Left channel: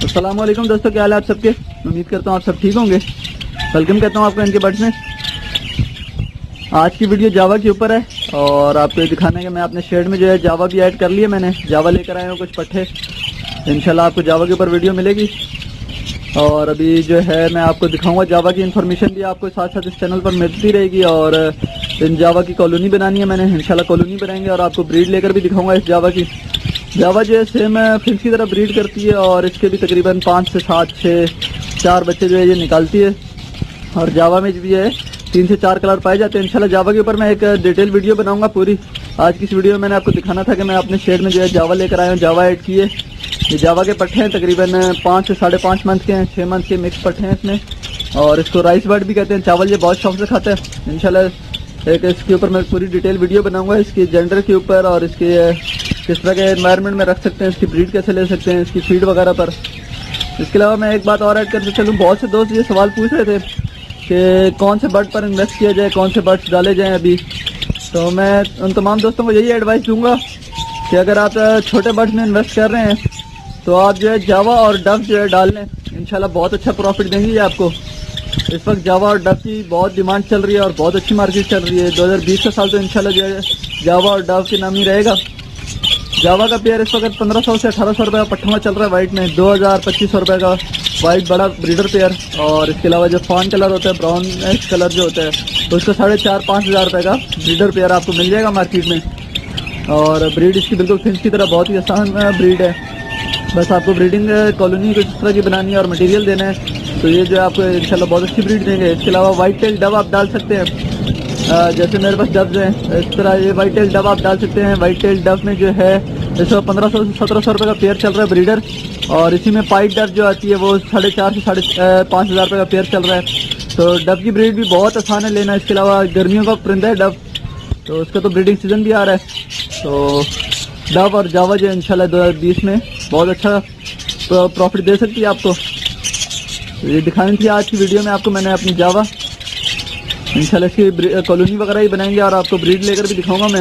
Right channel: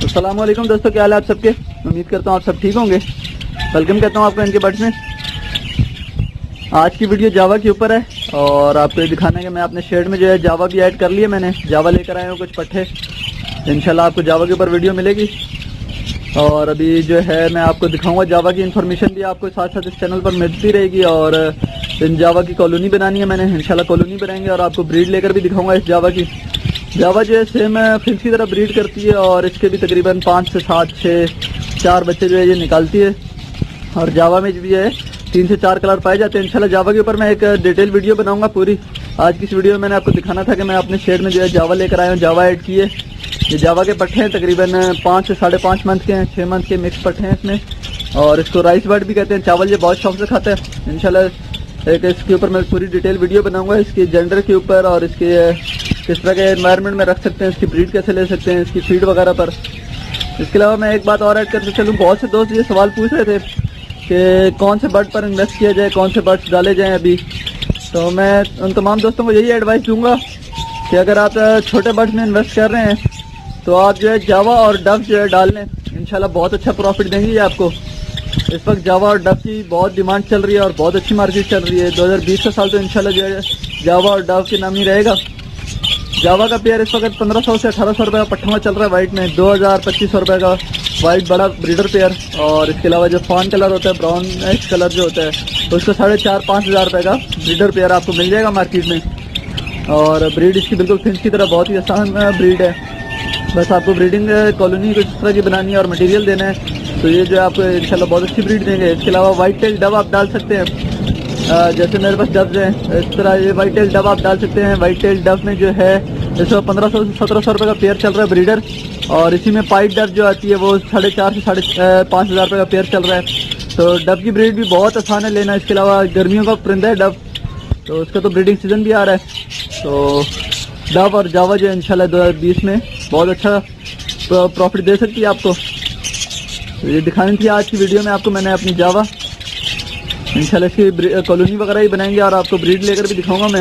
السلام علیکم دوستوں، کیا حال ہے آپ سب کے؟ امید کرتا ہوں آپ سب ٹھیک ہوں گے۔ ویلکم کہتا ہوں آپ کو ان کے برڈز میں۔ آج کی ویڈیو جاوا کے اوپر ہے اور آپ کو یہ دکھانا ہے کہ میں اپنے شیڈ میں جو ہے جاوا بھی ایڈ کر لیا، میں نے جاوا لے کر آیا ہوں کچھ پٹھے۔ انشاءاللہ آپ کو جاوا کے اوپر ویڈیو ملے گی اور ابھی جو ہے میں آپ کو دکھاؤں گا جاوا کی انفارمیشن بھی آپ کو ساتھ ساتھ اس چینل پر ملتی رہے گی۔ اور ان جاوا کی کالونی بنانی ہے میں نے، انشاءاللہ کالونی بنائیں گے اور آپ کو بریڈ لے کر بھی دکھاؤں گا اس جاوا کی۔ جاوا جو ہے سیم فلس کی طرح بریڈ کرتی ہے اور اس کے بھی تقریباً 5 سے 7 4 بچے جو ہے یہ نکالتی ہے۔ اور جاوا میں جو ہے 3 سے 4 کلر پائے جاتے ہیں۔ انشاءاللہ جاوا کے اوپر میں ایک ڈیٹیل ویڈیو بناؤں گا پوری۔ آج کی اس ویڈیو میں نے آپ کو دکھانا تھا کہ میں اپنے شیڈ میں جو ہے جاوا لے کر آیا ہوں، جاوا ایڈ کیے۔ یہ جاوا کے پٹھے ہیں، تقریباً 5 سے 5.5 منتھ کے ہیں، 6 منتھ کے مکس پٹھے ہیں اس میں۔ اور اس کو رائس برڈ بھی کہتے ہیں، چاول یہ بہت شوق سے کھاتا ہے۔ انشاءاللہ ایک اس کے اوپر میں پوری ڈیٹیل ویڈیو بناؤں گا، اس کی جینڈر کے اوپر اور اس کے کس طرح کے انوائرمنٹ میں رکھ سکتے ہیں، اس کی بریڈ کیسے لے سکتے ہیں، اس کی فیڈ وغیرہ پر۔ اس کے علاوہ میں ایک بات اور ایڈ کرتے چلوں، بہت سے دوست یہ سوال پوچھ رہے تھے کہ کون سے برڈ پر انویسٹ کیا جائے، کون سے برڈس ڈالے جائیں ابھی۔ تو میں ان تمام دوستوں کو یہی ایڈوائس دوں گا کہ اگر آپ چھوٹے برڈس میں انویسٹ کر رہے ہیں تو آپ جو ہے جاوا اور ڈو جو ہے ڈال لیں، انشاءاللہ بہت اچھا پروفٹ دیں گی یہ آپ کو۔ اس وقت جاوا اور ڈو کی بہت ڈیمانڈ چل رہی ہے اور بہت اچھی مارکیٹ چل رہی ہے۔ 2020 کا سال تو انشاءاللہ جو ہے جاوا اور ڈو کے نام ہی رہے گا۔ جاوا کا پیئر اس وقت 1500 سے 1800 روپے کا پٹھا میں چل رہا ہے وائٹ میں، 2000-2500 روپے کا وائٹ بڑا بریڈر پیئر۔ اور اس کے علاوہ جو فان کلر ہوتا ہے، براؤن کلر جو ہوتا ہے، اس کو 4500-5000 روپے کا بریڈر پیئر آپ کو مل جائے گا مارکیٹ میں۔ اور بریڈ اس کی بالکل فنچ کی طرح بہت ہی آسان بریڈ ہے، بس آپ کو بریڈنگ کالونی کو جس طرح کی بنانی ہے اور مٹیریل دینا ہے تو یہ جو ہے آپ کو انشاءاللہ بہت اچھی بریڈ دیں گے۔ اس کے علاوہ وائٹ ٹیل ڈو آپ ڈال سکتے ہیں، جیسے میرے پاس ڈبز ہیں اس طرح یہ وائٹ ٹیل ڈو آپ ڈال سکتے ہیں۔ وائٹ ٹیل ڈو میں جو ہے اس وقت 1500 سے 1700 روپے کا پیئر چل رہا ہے بریڈر، اور اسی میں پائپ ڈب جو آتی ہے وہ 4,500 سے 5,000 روپے کا پیئر چل رہا ہے۔ تو ڈو کی بریڈ بھی بہت آسان ہے لینا۔ اس کے علاوہ گرمیوں کا پرندہ ہے ڈو، تو اس کا تو بریڈنگ سیزن بھی آ رہا ہے، تو ڈو اور جاوا جو ہے انشاءاللہ 2020 میں بہت اچھا پروفٹ دے سکتی ہے آپ کو۔ یہ دکھانی تھی آج کی ویڈیو میں آپ کو، میں نے اپنی جاوا انشاءاللہ اس کی کالونی وغیرہ ہی بنائیں گے اور آپ کو بریڈ لے کر بھی دکھاؤں گا میں،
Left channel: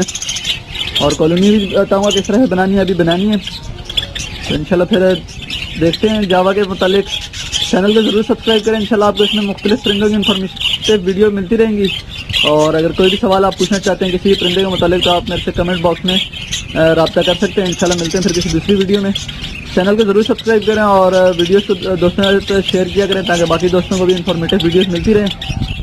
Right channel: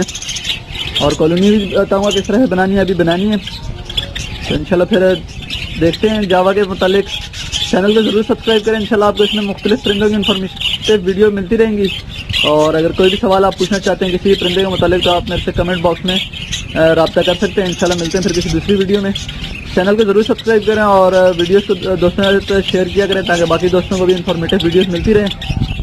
اور کالونی بھی بتاؤں گا کس طرح سے بنانی ہے، ابھی بنانی ہے۔ تو انشاءاللہ پھر دیکھتے ہیں جاوا کے متعلق۔ چینل کو ضرور سبسکرائب کریں، انشاءاللہ آپ کو اس میں مختلف پرندوں کی انفارمیشن ویڈیو ملتی رہیں گی۔ اور اگر کوئی بھی سوال آپ پوچھنا چاہتے ہیں کسی پرندے کے متعلق تو آپ میرے سے کمنٹ باکس میں رابطہ کر سکتے ہیں۔ انشاءاللہ ملتے ہیں پھر کسی دوسری ویڈیو میں۔ چینل کو ضرور سبسکرائب کریں اور ویڈیوز کو دوستوں کے ساتھ شیئر کیا کریں تاکہ باقی دوستوں کو بھی انفارمیٹیو ویڈیوز ملتی رہیں۔